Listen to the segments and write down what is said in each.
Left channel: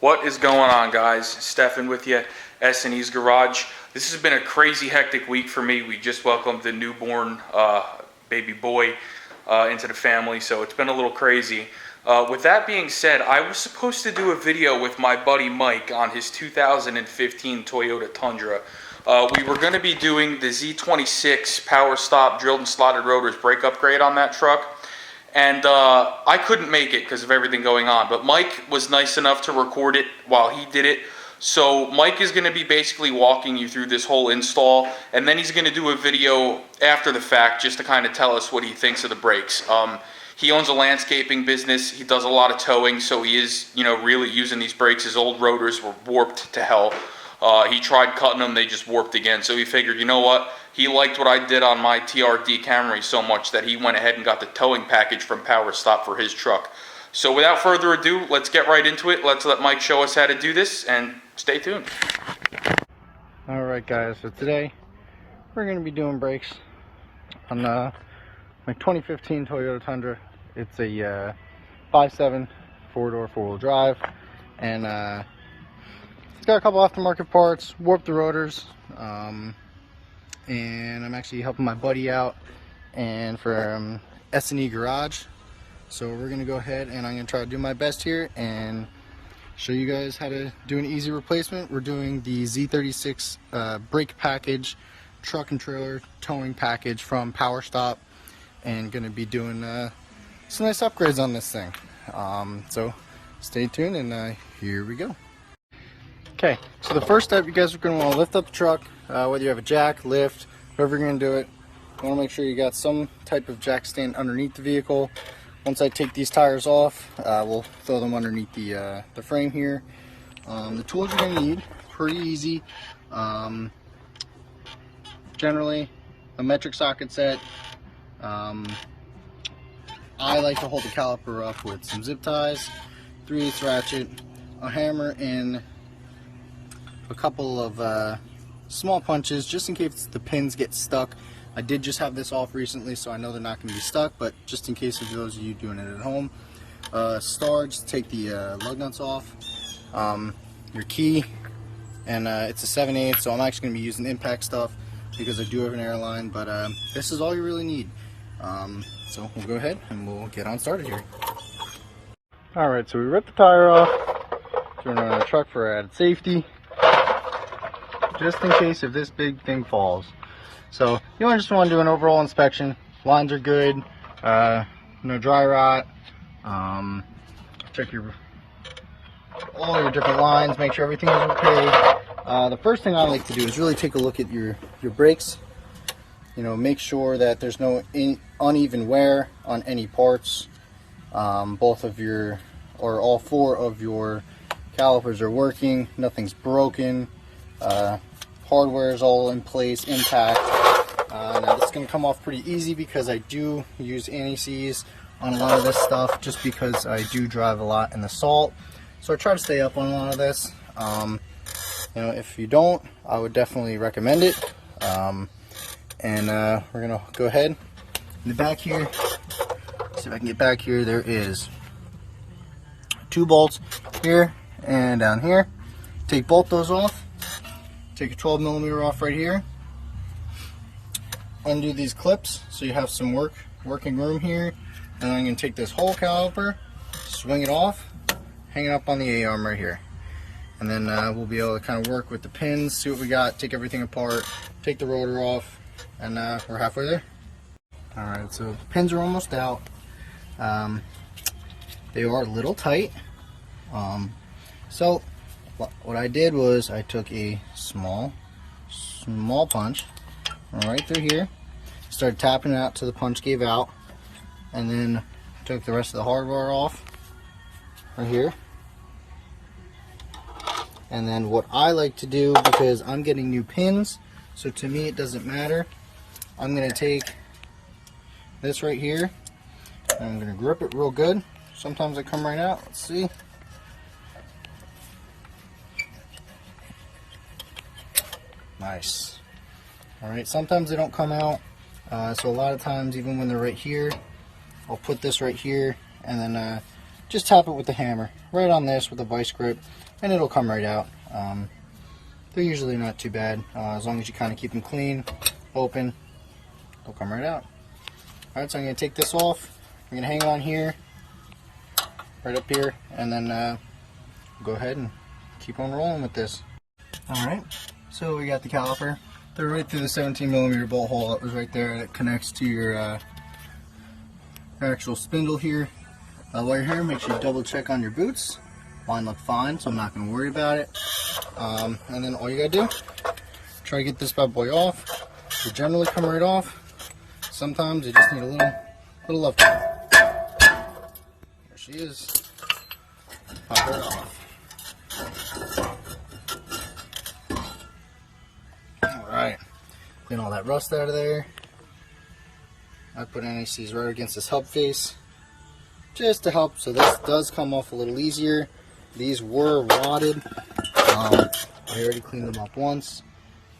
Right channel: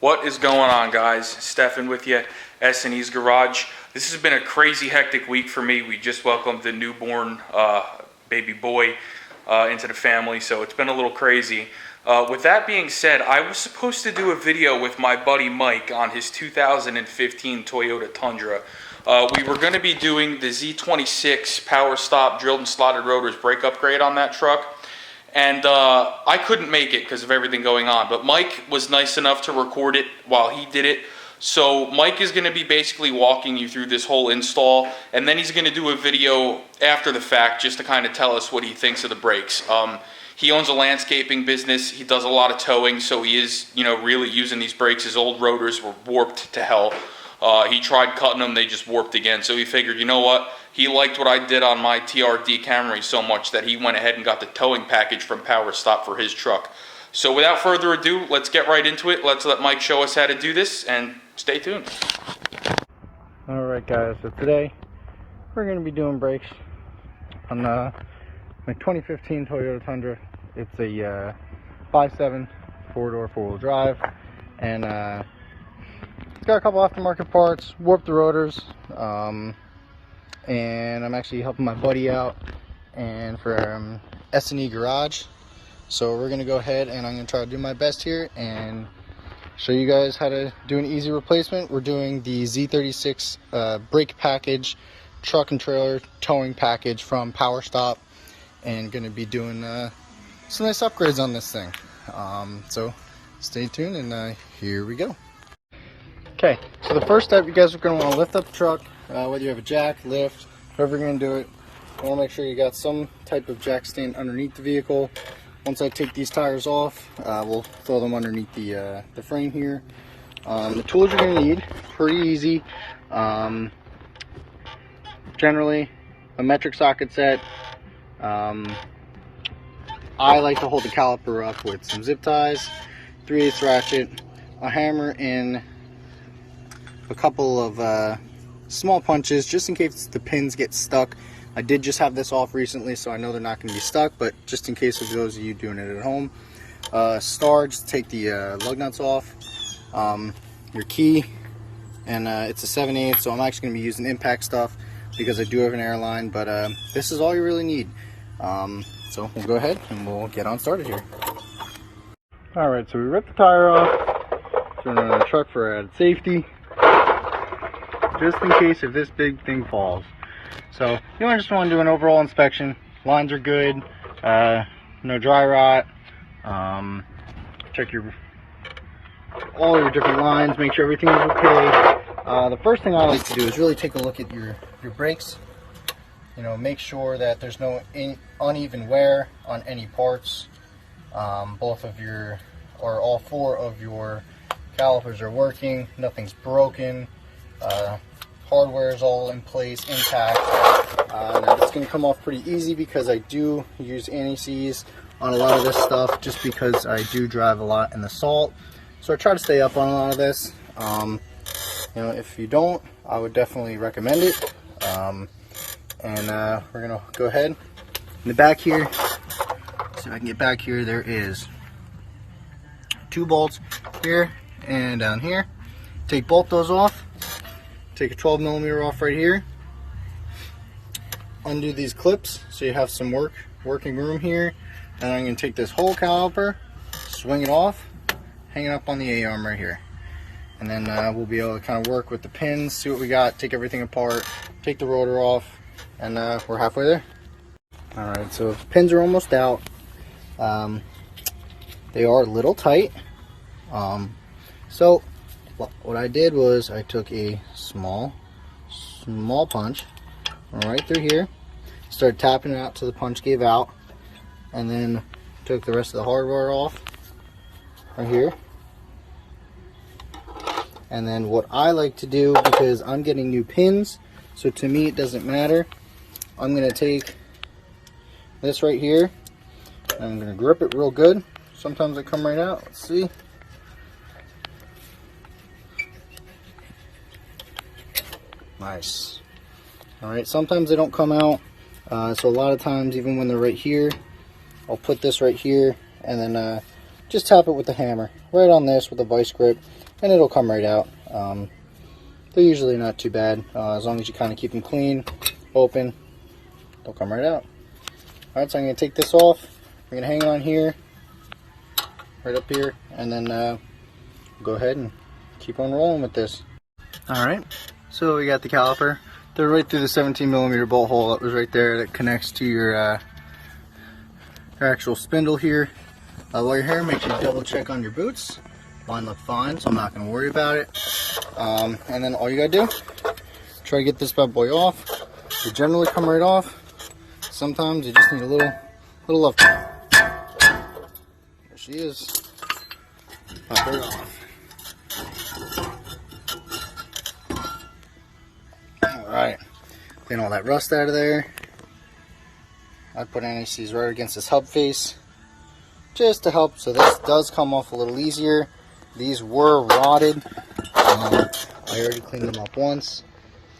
What is going on, guys? Stefan with you, S&E's Garage. This has been a crazy hectic week for me. We just welcomed the newborn baby boy into the family, so it's been a little crazy. With that being said, I was supposed to do a video with my buddy Mike on his 2015 Toyota Tundra. We were going to be doing the Z36 Powerstop drilled and slotted rotors brake upgrade on that truck. And I couldn't make it because of everything going on, but Mike was nice enough to record it while he did it. So Mike is going to be basically walking you through this whole install, and then he's going to do a video after the fact just to kind of tell us what he thinks of the brakes. He owns a landscaping business. He does a lot of towing, so he is, really using these brakes. His old rotors were warped to hell. He tried cutting them, they just warped again. So he figured, you know what? He liked what I did on my TRD Camry so much that he went ahead and got the towing package from Powerstop for his truck. So without further ado, let's get right into it. Let's let Mike show us how to do this, and stay tuned. Alright guys, so today we're going to be doing brakes on my 2015 Toyota Tundra. It's a 5.7 four-door four-wheel drive, and it's got a couple aftermarket parts, warped the rotors, and I'm actually helping my buddy out and from S&E Garage. So we're going to go ahead and I'm going to try to do my best here and show you guys how to do an easy replacement. We're doing the Z36 brake package, truck and trailer towing package from Powerstop, and going to be doing some nice upgrades on this thing. So stay tuned, and here we go. Okay, so the first step, you guys are going to want to lift up the truck, whether you have a jack, lift, however you're going to do it. You want to make sure you got some type of jack stand underneath the vehicle. Once I take these tires off, we'll throw them underneath the frame here. The tools you're going to need, pretty easy. Generally, a metric socket set. I like to hold the caliper up with some zip ties, 3/8 ratchet, a hammer, and a couple of small punches just in case the pins get stuck. I did just have this off recently, so I know they're not going to be stuck, but just in case of those of you doing it at home. Star, just take the lug nuts off. Your key, and it's a 7/8, so I'm actually going to be using impact stuff because I do have an airline, but this is all you really need. So we'll go ahead and we'll get on started here. Alright, so we ripped the tire off. Put it on the truck for added safety, just in case if this big thing falls. So you just want to do an overall inspection. Lines are good, no dry rot. Check all your different lines, make sure everything is okay. The first thing I like to do is really take a look at your brakes. Make sure that there's no uneven wear on any parts. Both of your, or all four of your calipers are working, nothing's broken. Hardware is all in place, intact. Now this is going to come off pretty easy because I do use anti-seize on a lot of this stuff, just because I do drive a lot in the salt. So I try to stay up on a lot of this. If you don't, I would definitely recommend it. We're going to go ahead. In the back here, see if I can get back here, there is 2 bolts here and down here. Take both those off. Take a 12mm off right here. Undo these clips so you have some working room here. And I'm going to take this whole caliper, swing it off, hang it up on the A-arm right here. And then we'll be able to kind of work with the pins, see what we got, take everything apart, take the rotor off, and we're halfway there. Alright, so pins are almost out. They are a little tight. So what I did was I took a small punch right through here, started tapping it out till the punch gave out, and then took the rest of the hardware off right here. And then what I like to do, because I'm getting new pins, so to me it doesn't matter, I'm going to take this right here and I'm going to grip it real good. Sometimes they come right out. Let's see. Nice. Alright, sometimes they don't come out, so a lot of times, even when they're right here, I'll put this right here and then just tap it with the hammer right on this with a vice grip. and it'll come right out. They're usually not too bad, as long as you kind of keep them clean, open, they'll come right out. Alright, so I'm going to take this off, we're going to hang it on here, right up here, and then go ahead and keep on rolling with this. Alright, so we got the caliper. They're right through the 17mm bolt hole that was right there that connects to your actual spindle here. While you're here, make sure you double check on your boots. Mine look fine, so I'm not going to worry about it. And then all you got to do, try to get this bad boy off. They generally come right off. Sometimes you just need a little love time. There she is. Pop her off. Alright, clean all that rust out of there. I put NHCs right against this hub face just to help, so this does come off a little easier. These were rotted. I already cleaned them up once.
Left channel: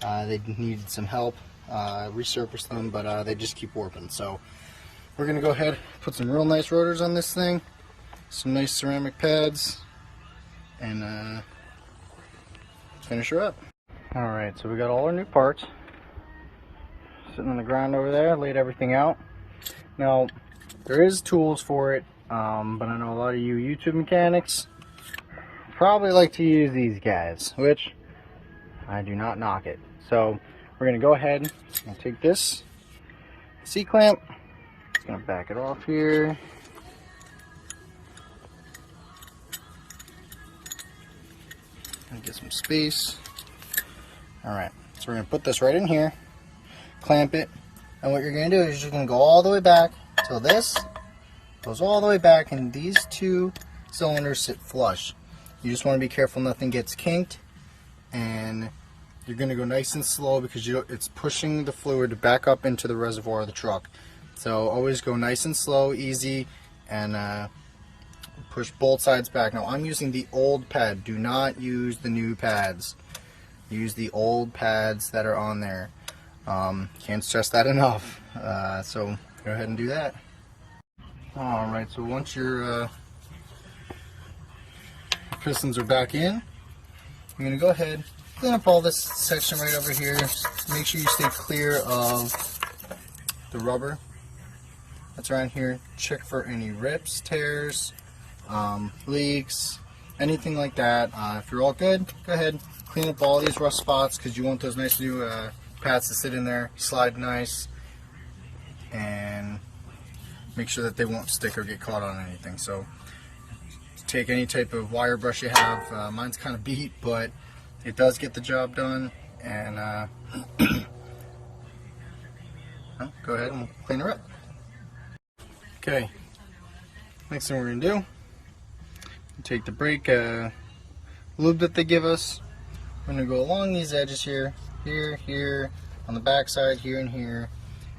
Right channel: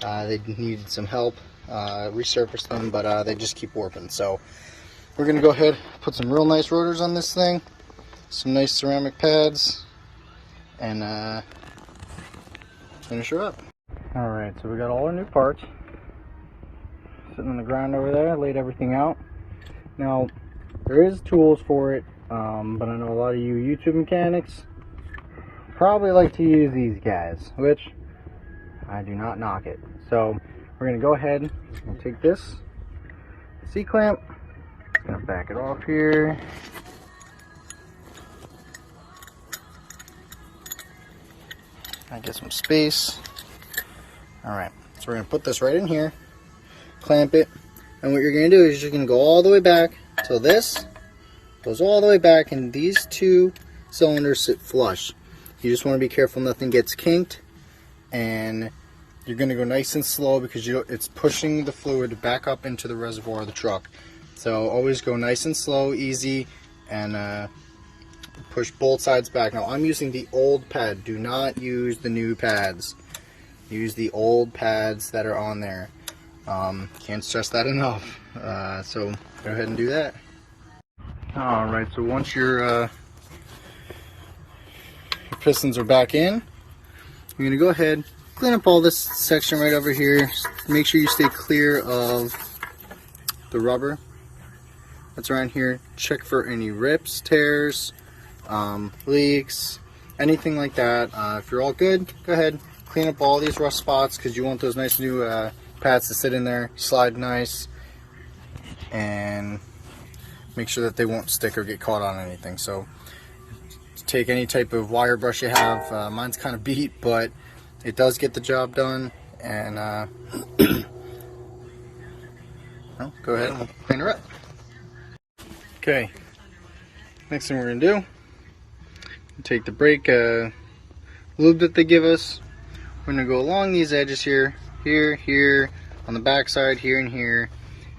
They needed some help, resurfaced them, but they just keep warping. So we're going to go ahead, put some real nice rotors on this thing, some nice ceramic pads, and finish her up. Alright, so we got all our new parts sitting on the ground over there, laid everything out. Now, there is tools for it, but I know a lot of you YouTube mechanics probably like to use these guys, which I do not knock it. So we're going to go ahead and take this C-clamp, going to back it off here. I get some space. Alright, so we're going to put this right in here, clamp it, and what you're going to do is you're going to go all the way back till this goes all the way back, and these two cylinders sit flush. You just want to be careful nothing gets kinked, and you're going to go nice and slow because it's pushing the fluid back up into the reservoir of the truck. So always go nice and slow, easy, and push both sides back. Now I'm using the old pad. Do not use the new pads. Use the old pads that are on there. Can't stress that enough. So go ahead and do that. Alright, so once your pistons are back in, you're going to go ahead, clean up all this section right over here. Make sure you stay clear of the rubber that's around here. Check for any rips, tears, leaks, anything like that. If you're all good, go ahead, clean up all these rust spots because you want those nice new pads to sit in there, slide nice, and make sure that they won't stick or get caught on anything. So take any type of wire brush you have. Mine's kind of beat, but it does get the job done. And go ahead and we'll clean her up. Okay, next thing we're going to do, take the brake lube that they give us. We're going to go along these edges here, here, on the back side, here and here.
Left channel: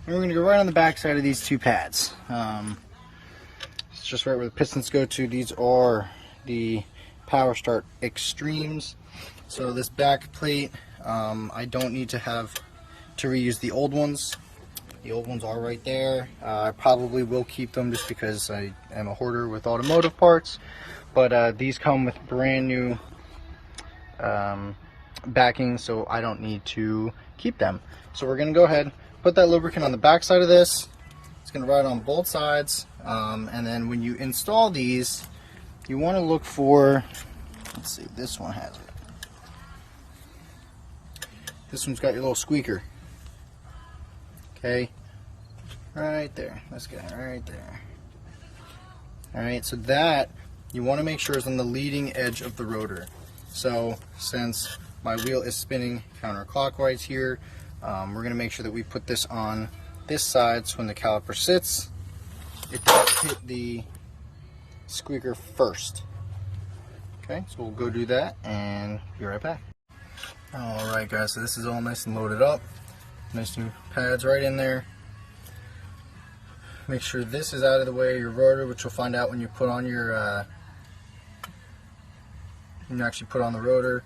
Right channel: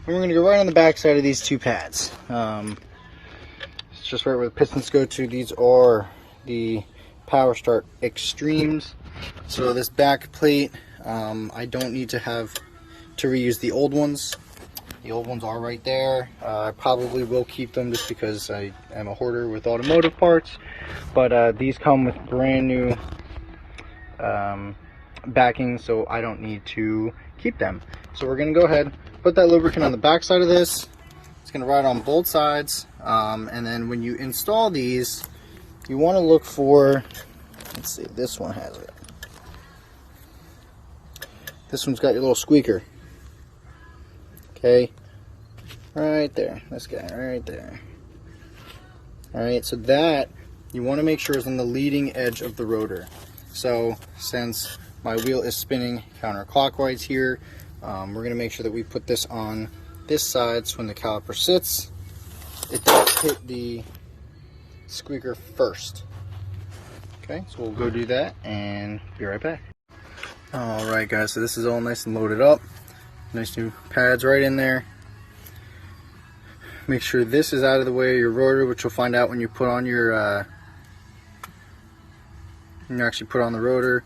And we're going to go right on the back side of these two pads. It's just right where the pistons go to. These are the Powerstart Extremes. So this back plate, I don't need to reuse the old ones. The old ones are right there. I probably will keep them just because I am a hoarder with automotive parts. But these come with brand new backing, so I don't need to keep them. So we're going to go ahead, put that lubricant on the back side of this. It's going to ride on both sides, and then when you install these, you want to look for, let's see, this one has it. This one's got your little squeaker. Okay, right there, this guy right there. Alright, so that you want to make sure is on the leading edge of the rotor. So since my wheel is spinning counterclockwise here, we're going to make sure that we put this on this side so when the caliper sits, it does hit the squeaker first. Okay, so we'll go do that and be right back. Alright guys, so this is all nice and loaded up. Nice new pads right in there. Make sure this is out of the way of your rotor, which you'll find out when you put on your when you actually put on the rotor.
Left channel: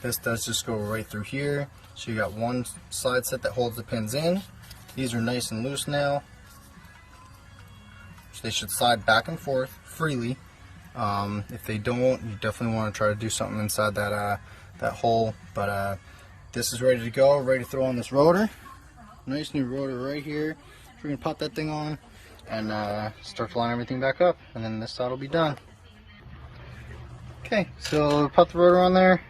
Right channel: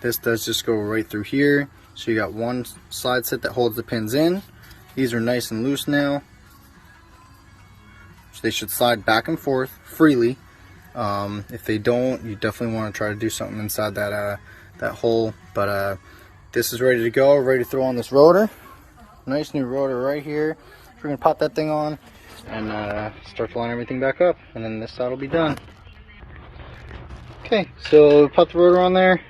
This does just go right through here. So you got one slide set that holds the pins in. These are nice and loose now. So they should slide back and forth freely. If they don't, you definitely want to try to do something inside that that hole. But this is ready to go, ready to throw on this rotor. Nice new rotor right here. We're gonna pop that thing on and start to line everything back up, and then this side will be done. Okay, so pop the rotor on there,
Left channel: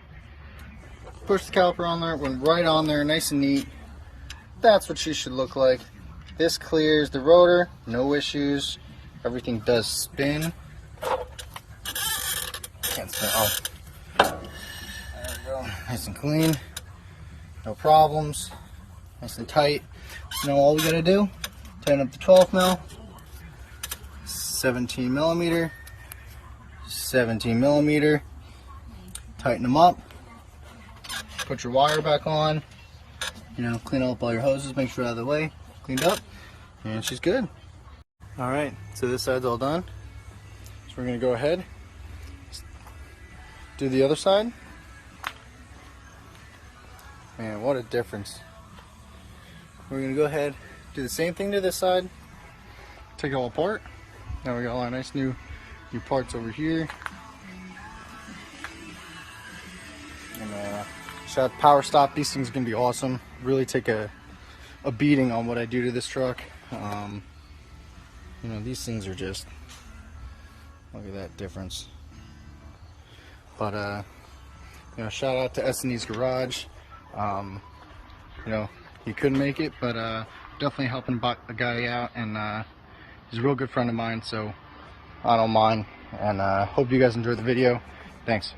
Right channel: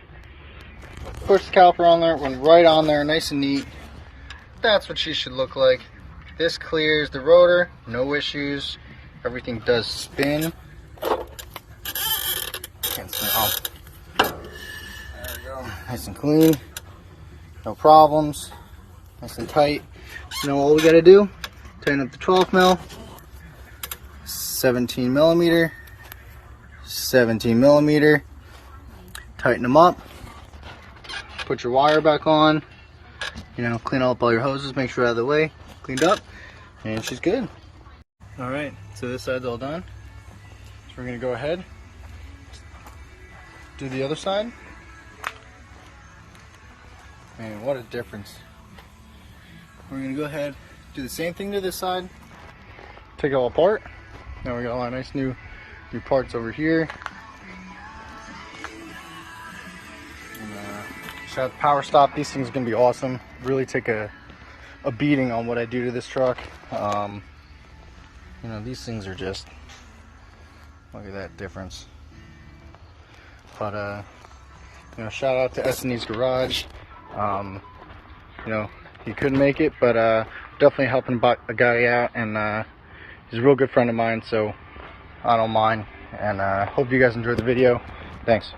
push the caliper on there, went right on there, nice and neat. That's what she should look like. This clears the rotor, no issues. Everything does spin. Oh, there we go. Nice and clean, no problems, nice and tight. You know, all we gotta do, tighten up the 12 mil, 17 millimeter, 17 millimeter, tighten them up, put your wire back on, you know, clean up all your hoses, make sure out of the way, cleaned up, and she's good. All right, so this side's all done. So we're gonna go ahead, do the other side. Man, what a difference. We're gonna go ahead, do the same thing to this side, take it all apart. Now we got a lot of nice new parts over here. And shout out Powerstop, these things are gonna be awesome. Really take a beating on what I do to this truck. You know, these things are just, look at that difference. But you know, shout out to S&E's Garage. You know, he couldn't make it, but definitely helping a guy out, and he's a real good friend of mine, so I don't mind. And hope you guys enjoyed the video. Thanks.